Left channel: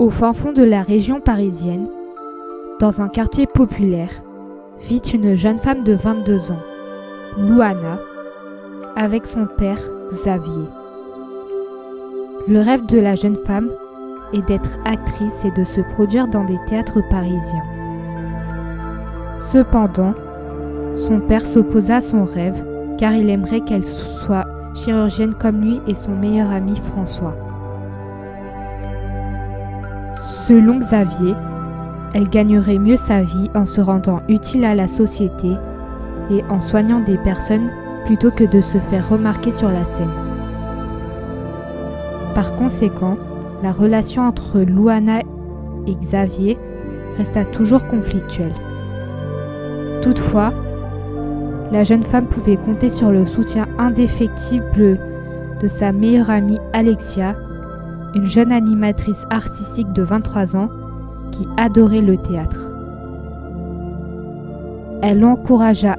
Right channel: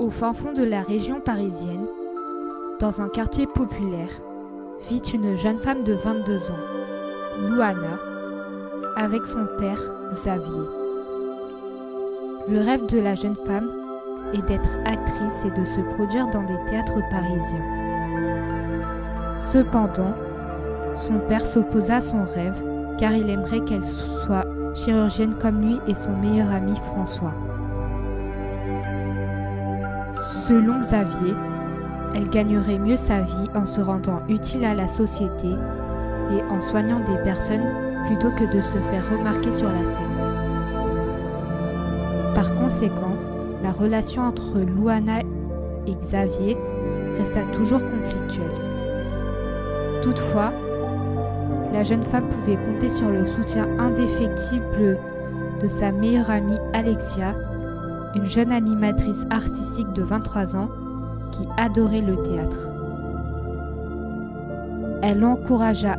Au fin fond de la région parisienne, dans un quartier populaire, vit une jeune femme de 22 ans, Louana, avec son père Xavier. Le rêve de la jeune femme est d'être actrice et de se produire dans des théâtres parisiens. Cependant, son père s'opposa à son rêve car il aimerait qu'elle soit chirurgienne comme lui et son meilleur ami François. Selon Xavier, elle gagnerait mieux sa vie en se rendant utile à la société et en soignant des personnes plutôt que de se faire remarquer sur la scène. Par conséquent, la relation entre Louana et Xavier resta toujours conflictuelle. Toutefois, la jeune femme pouvait compter sur le soutien indéfectible de sa meilleure amie Alexia, une jeune animatrice artistique de 23 ans qui adorait le théâtre. Elle l'encouragea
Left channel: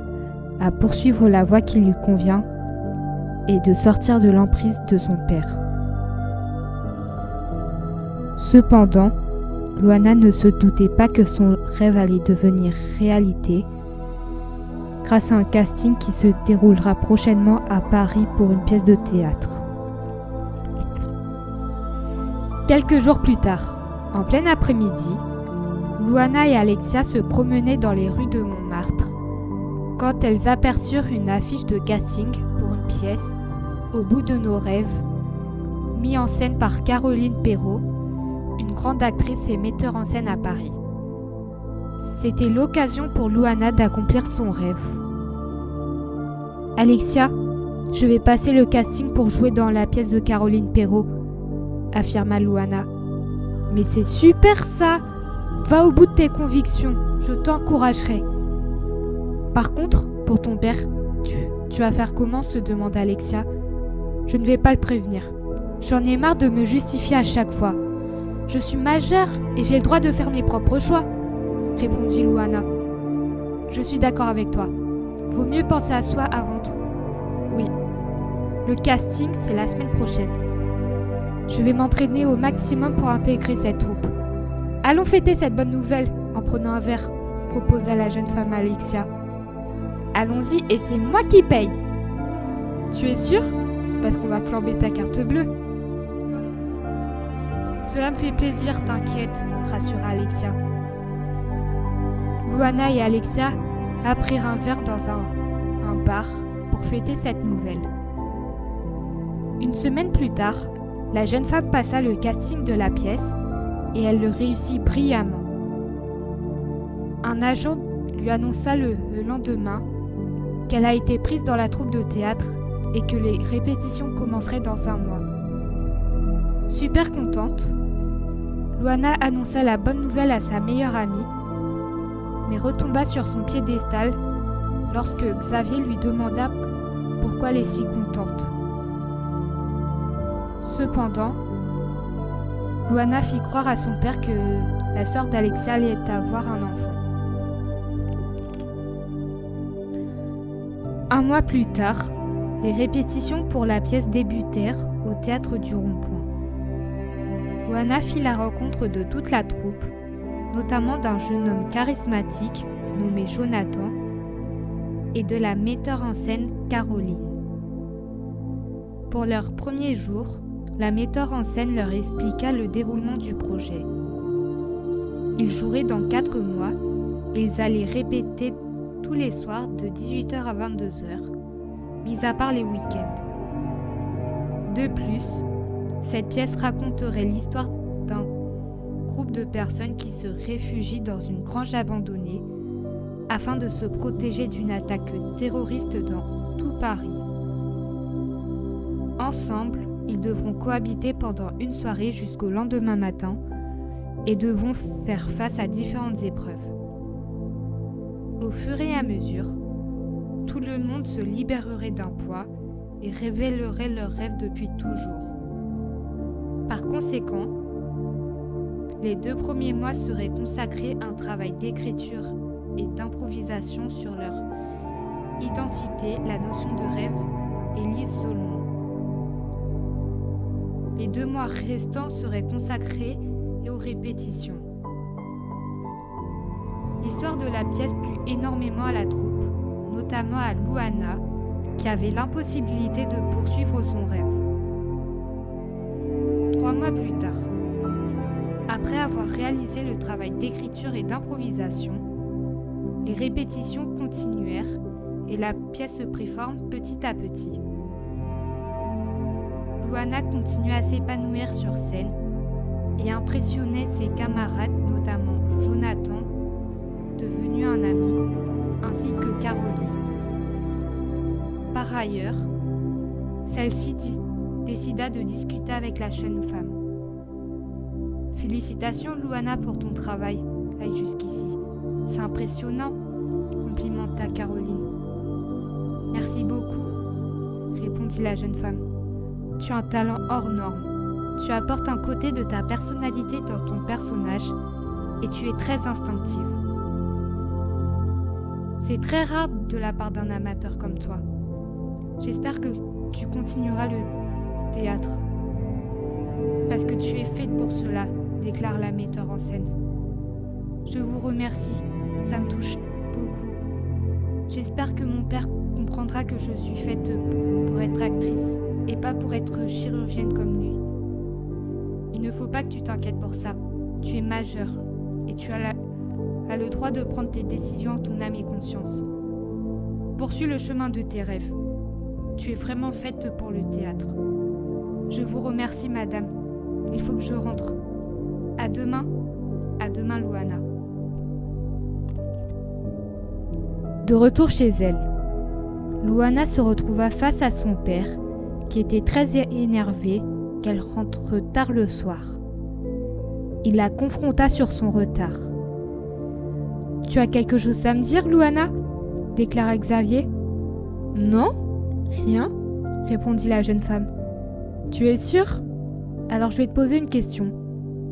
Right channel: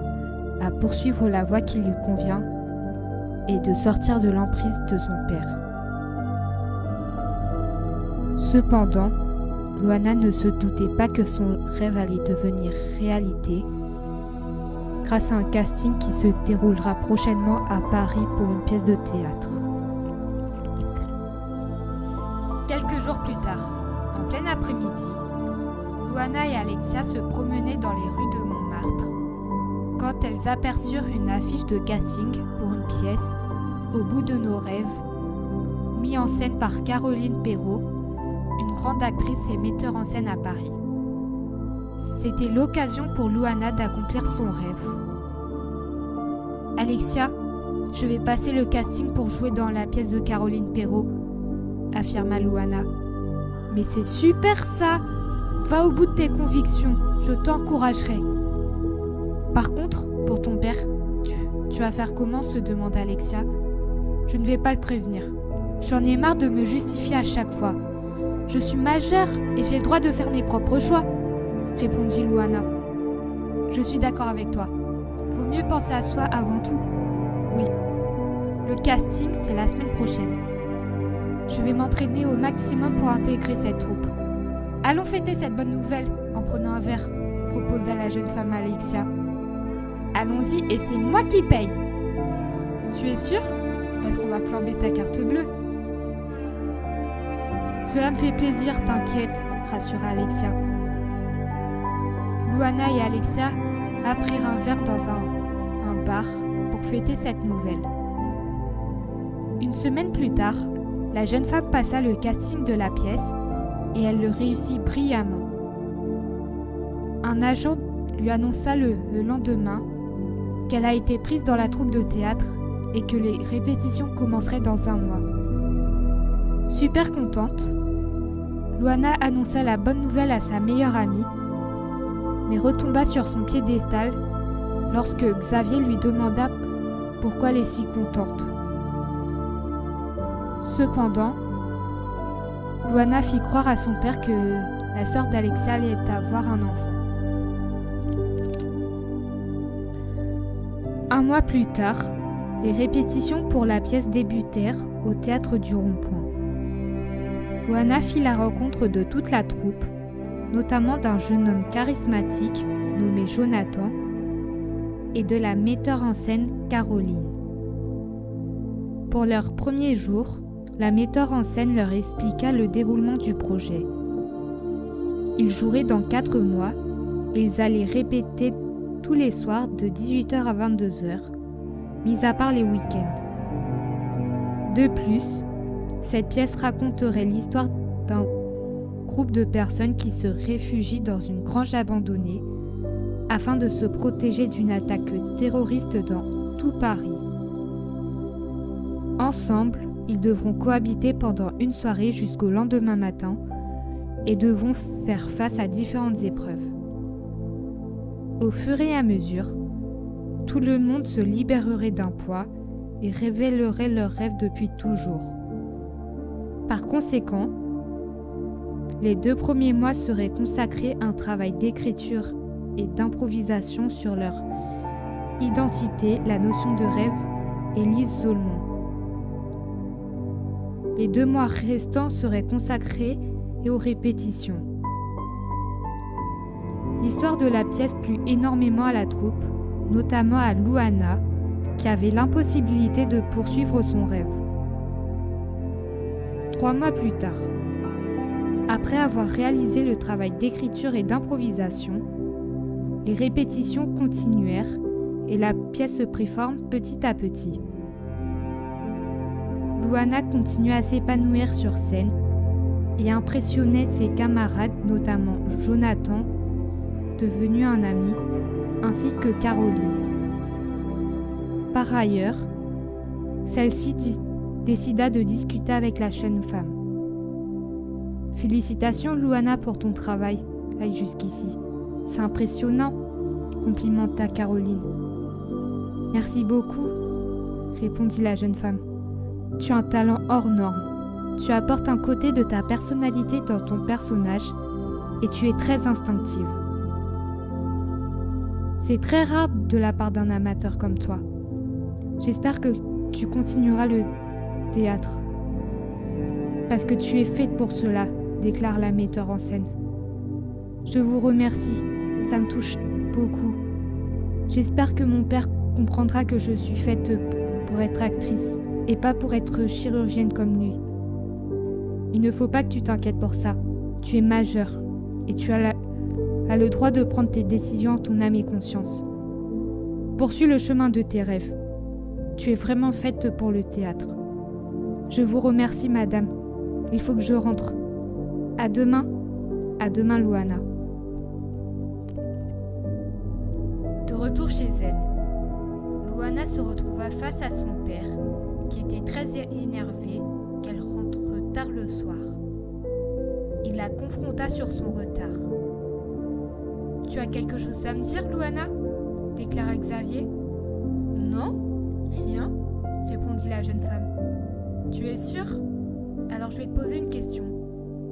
à poursuivre la voie qui lui convient et de sortir de l'emprise de son père. Cependant, Louana ne se doutait pas que son rêve allait devenir réalité grâce à un casting qui se déroulera prochainement à Paris pour une pièce de théâtre. Quelques jours plus tard, en plein après-midi, Louana et Alexia se promenaient dans les rues de Montmartre quand elles aperçurent une affiche de casting pour une pièce Au bout de nos rêves, mise en scène par Caroline Perrault, une grande actrice et metteur en scène à Paris. C'était l'occasion pour Louana d'accomplir son rêve. « Alexia, je vais passer le casting pour jouer dans la pièce de Caroline Perrault », affirma Louana. « Mais c'est super ça! Va au bout de tes convictions, je t'encouragerai. » « Par contre, pour ton père, tu vas faire comment ?» se demanda Alexia. « Je ne vais pas le prévenir. J'en ai marre de me justifier à chaque fois. Je suis majeure et j'ai le droit de faire mes propres choix, » répondit Louana. « Je suis d'accord avec toi. Vaut mieux penser à soi avant tout. Oui, le casting, c'est la semaine prochaine. Je vais m'entraîner au maximum pour intégrer cette troupe. Allons fêter cette bonne nouvelle en prenant un verre, proposa la jeune femme Alexia. Allons-y et c'est moi qui paye. Tu es sûre ? Parce qu'on va flamber ta carte bleue. Cela me fait plaisir, t'inquiète, rassura Alexia. Louana et Alexia apprirent un verre dans un bar pour fêter cette nouvelle. Une semaine plus tard, la jeune femme passa le casting de la pièce et elle le réussit brillamment. Un agent lui annonça le lendemain qu'elle a été prise dans la troupe de théâtre et que les répétitions commenceraient dans un mois. Super contente, Louana annonça la bonne nouvelle à sa meilleure amie, mais retomba sur son piédestal lorsque Xavier lui demanda pourquoi elle est si contente. Cependant, Louana fit croire à son père que la sœur d'Alexia allait avoir un enfant. Un mois plus tard, les répétitions pour la pièce débutèrent au théâtre du Rond-Point. Louana fit la rencontre de toute la troupe, notamment d'un jeune homme charismatique nommé Jonathan et de la metteur en scène Caroline. Pour leur premier jour, la metteur en scène leur expliqua le déroulement du projet. Ils joueraient dans 4 mois et ils allaient répéter tous les soirs de 18h à 22h, mis à part les week-ends. De plus, cette pièce raconterait l'histoire d'un groupe de personnes qui se réfugient dans une grange abandonnée afin de se protéger d'une attaque terroriste dans tout Paris. Ensemble, ils devront cohabiter pendant une soirée jusqu'au lendemain matin et devront faire face à différentes épreuves. Au fur et à mesure, tout le monde se libérerait d'un poids et révélerait leurs rêves depuis toujours. Par conséquent, les 2 premiers mois seraient consacrés à un travail d'écriture et d'improvisation sur leur identité, la notion de rêve et l'isolement. Les 2 mois restants seraient consacrés et aux répétitions. L'histoire de la pièce plut énormément à la troupe, notamment à Luana, qui avait l'impossibilité de poursuivre son rêve. 3 mois plus tard, après avoir réalisé le travail d'écriture et d'improvisation, les répétitions continuèrent et la pièce se prit forme petit à petit. Luana continuait à s'épanouir sur scène et impressionnait ses camarades, notamment Jonathan, devenu un ami, ainsi que Caroline. Par ailleurs, celle-ci décida de discuter avec la jeune femme. « Félicitations Luana pour ton travail, jusqu'ici. C'est impressionnant », complimenta Caroline. « Merci beaucoup », répondit la jeune femme. « Tu as un talent hors norme. Tu apportes un côté de ta personnalité dans ton personnage et tu es très instinctive. C'est très rare de la part d'un amateur comme toi. J'espère que tu continueras le théâtre. Parce que tu es faite pour cela, déclare la metteur en scène. Je vous remercie, ça me touche beaucoup. J'espère que mon père comprendra que je suis faite pour être actrice et pas pour être chirurgienne comme lui. Il ne faut pas que tu t'inquiètes pour ça. Tu es majeure et tu as le droit de prendre tes décisions en ton âme et conscience. Poursuis le chemin de tes rêves. Tu es vraiment faite pour le théâtre. Je vous remercie, madame. Il faut que je rentre. À demain, Luana. De retour chez elle, Luana se retrouva face à son père, qui était très énervé qu'elle rentre tard le soir. Il la confronta sur son retard. « Tu as quelque chose à me dire, Luana ?» déclara Xavier. « Non, rien, » répondit la jeune femme. « Tu es sûre ? Alors je vais te poser une question.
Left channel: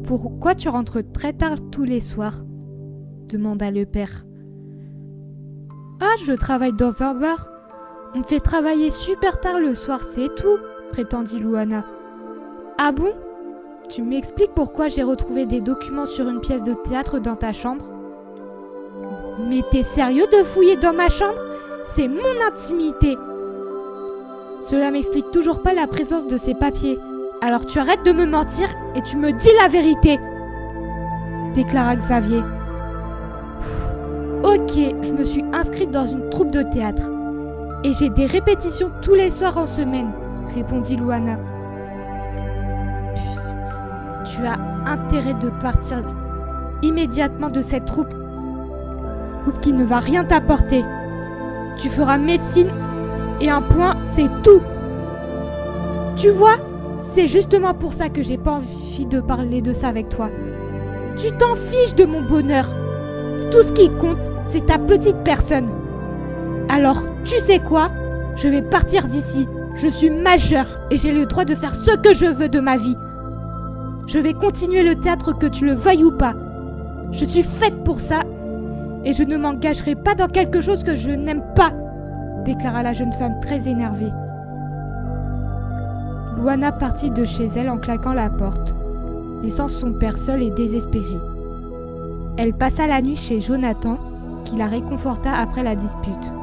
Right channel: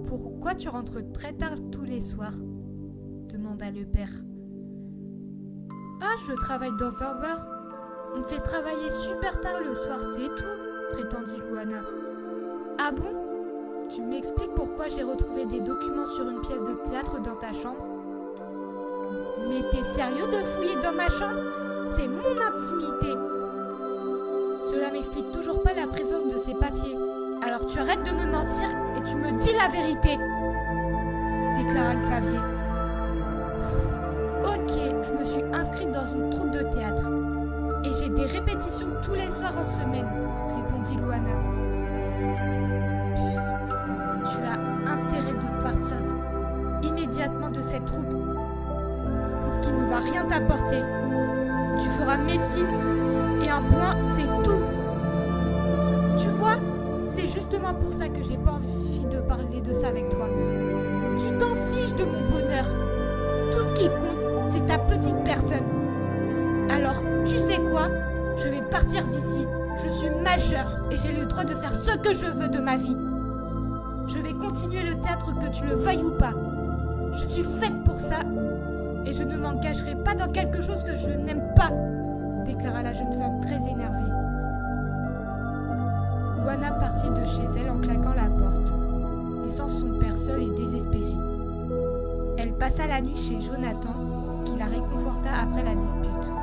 Pourquoi tu rentres très tard tous les soirs ?» demanda le père. « Ah, je travaille dans un bar. On me fait travailler super tard le soir, c'est tout, » prétendit Luana. « Ah bon ? Tu m'expliques pourquoi j'ai retrouvé des documents sur une pièce de théâtre dans ta chambre ? » « Mais t'es sérieux de fouiller dans ma chambre ? C'est mon intimité !»« Cela m'explique toujours pas la présence de ces papiers. Alors tu arrêtes de me mentir et tu me dis la vérité !» déclara Xavier. « Ok, je me suis inscrite dans une troupe de théâtre. Et j'ai des répétitions tous les soirs en semaine, » répondit Luana. « Tu as intérêt de partir immédiatement de cette troupe qui ne va rien t'apporter. Tu feras médecine et un point, c'est tout. Tu vois, c'est justement pour ça que j'ai pas envie de parler de ça avec toi. Tu t'en fiches de mon bonheur. Tout ce qui compte, c'est ta petite personne. Alors, tu sais quoi ? Je vais partir d'ici. Je suis majeure et j'ai le droit de faire ce que je veux de ma vie. Je vais continuer le théâtre que tu le veuilles ou pas. Je suis faite pour ça et je ne m'engagerai pas dans quelque chose que je n'aime pas, déclara la jeune femme très énervée. Luana partit de chez elle en claquant la porte, laissant son père seul et désespéré. Elle passa la nuit chez Jonathan, qui la réconforta après la dispute.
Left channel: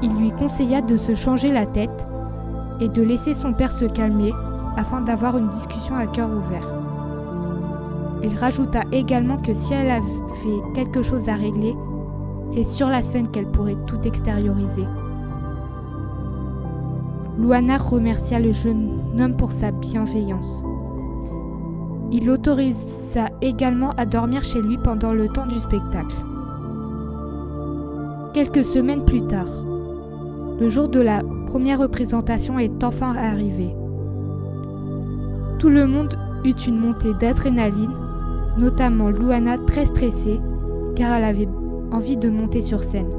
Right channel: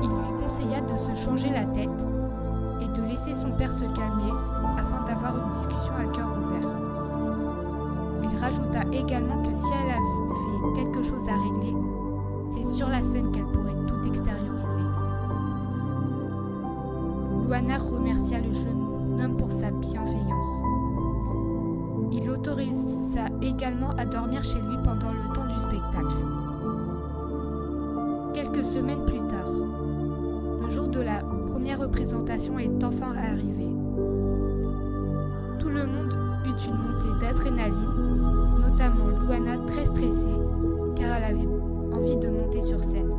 Il lui conseilla de se changer la tête et de laisser son père se calmer afin d'avoir une discussion à cœur ouvert. Il rajouta également que si elle avait quelque chose à régler, c'est sur la scène qu'elle pourrait tout extérioriser. Luana remercia le jeune homme pour sa bienveillance. Il l'autorisa également à dormir chez lui pendant le temps du spectacle. Quelques semaines plus tard, le jour de la première représentation est enfin arrivé. Tout le monde eut une montée d'adrénaline, notamment Luana très stressée car elle avait envie de monter sur scène.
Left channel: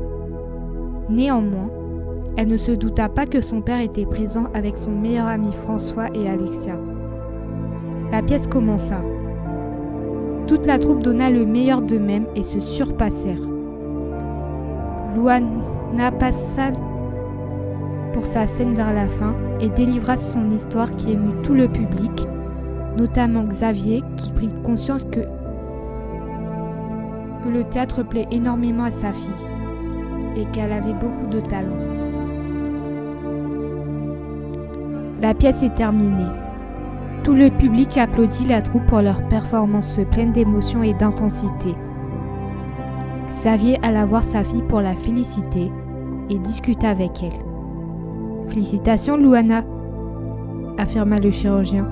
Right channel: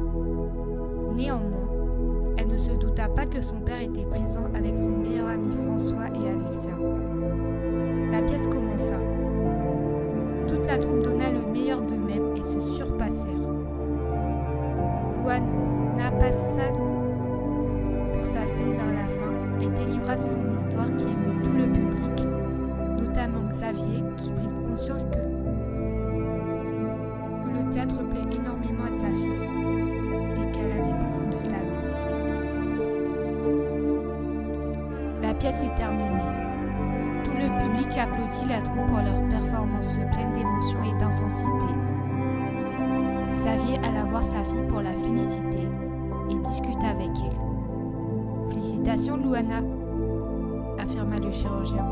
Néanmoins, elle ne se douta pas que son père était présent avec son meilleur ami François et Alexia. La pièce commença. Toute la troupe donna le meilleur d'eux-mêmes et se surpassèrent. Luana passa pour sa scène vers la fin et délivra son histoire qui émut tout le public, notamment Xavier qui prit conscience que le théâtre plaît énormément à sa fille et qu'elle avait beaucoup de talent. La pièce est terminée. Tout le public applaudit la troupe pour leur performance pleine d'émotion et d'intensité. Xavier alla voir sa fille pour la féliciter et discuta avec elle. « Félicitations, Luana !» affirma le chirurgien.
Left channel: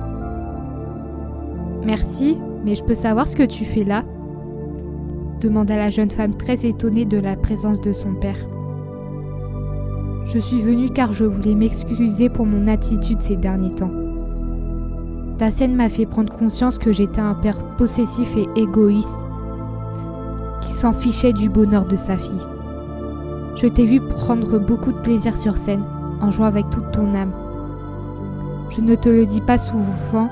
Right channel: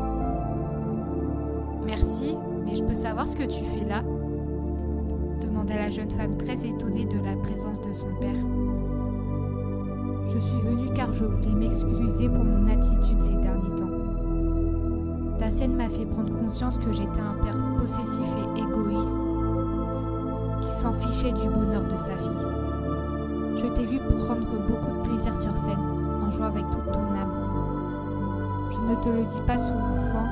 « Merci, mais je peux savoir ce que tu fais là ?» demanda la jeune femme très étonnée de la présence de son père. « Je suis venue car je voulais m'excuser pour mon attitude ces derniers temps. Ta scène m'a fait prendre conscience que j'étais un père possessif et égoïste qui s'en fichait du bonheur de sa fille. Je t'ai vu prendre beaucoup de plaisir sur scène, en jouant avec toute ton âme. Je ne te le dis pas souvent,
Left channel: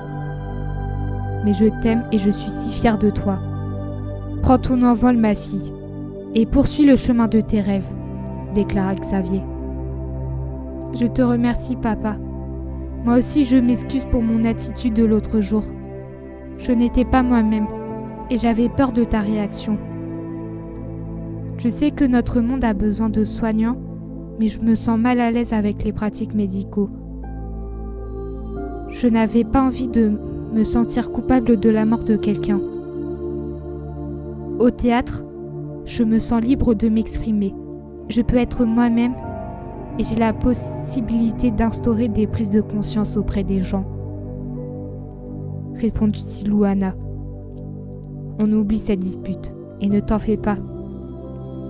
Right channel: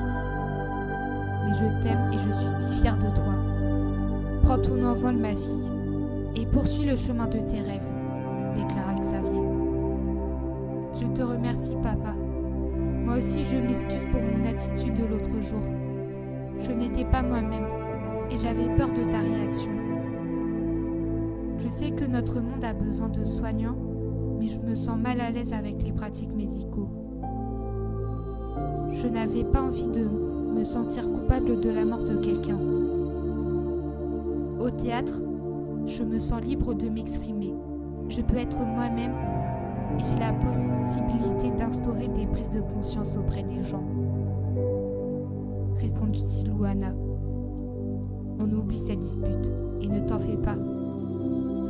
mais je t'aime et je suis si fière de toi. Prends ton envol, ma fille, et poursuis le chemin de tes rêves, déclara Xavier. Je te remercie, papa. Moi aussi, je m'excuse pour mon attitude de l'autre jour. Je n'étais pas moi-même, et j'avais peur de ta réaction. Je sais que notre monde a besoin de soignants, mais je me sens mal à l'aise avec les pratiques médicaux. Je n'avais pas envie de me sentir coupable de la mort de quelqu'un. Au théâtre, je me sens libre de m'exprimer. Je peux être moi-même et j'ai la possibilité d'instaurer des prises de conscience auprès des gens. Répondit Luana. On oublie cette dispute et ne t'en fais pas.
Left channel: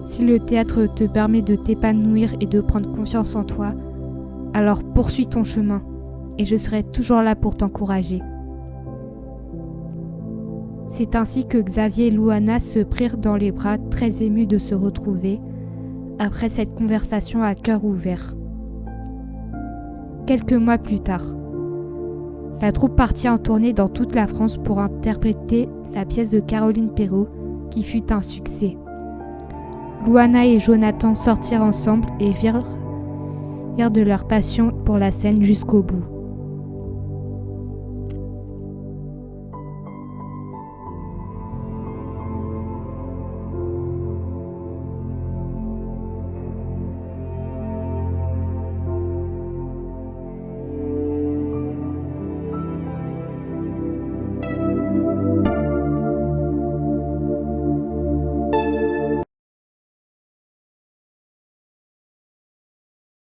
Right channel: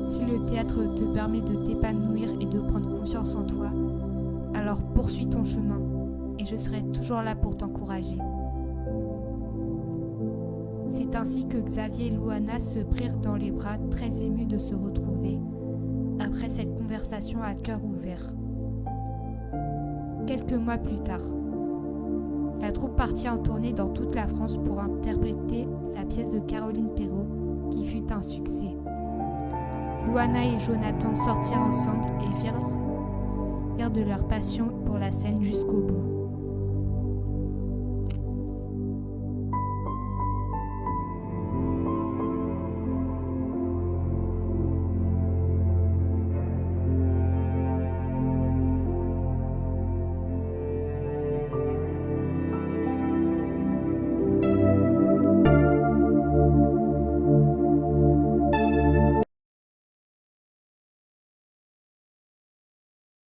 Si le théâtre te permet de t'épanouir et de prendre confiance en toi, alors poursuis ton chemin et je serai toujours là pour t'encourager. C'est ainsi que Xavier et Luana se prirent dans les bras, très émus de se retrouver, après cette conversation à cœur ouvert. Quelques mois plus tard, la troupe partit en tournée dans toute la France pour interpréter la pièce de Caroline Perrault qui fut un succès. Luana et Jonathan sortirent ensemble et virent de leur passion pour la scène jusqu'au bout.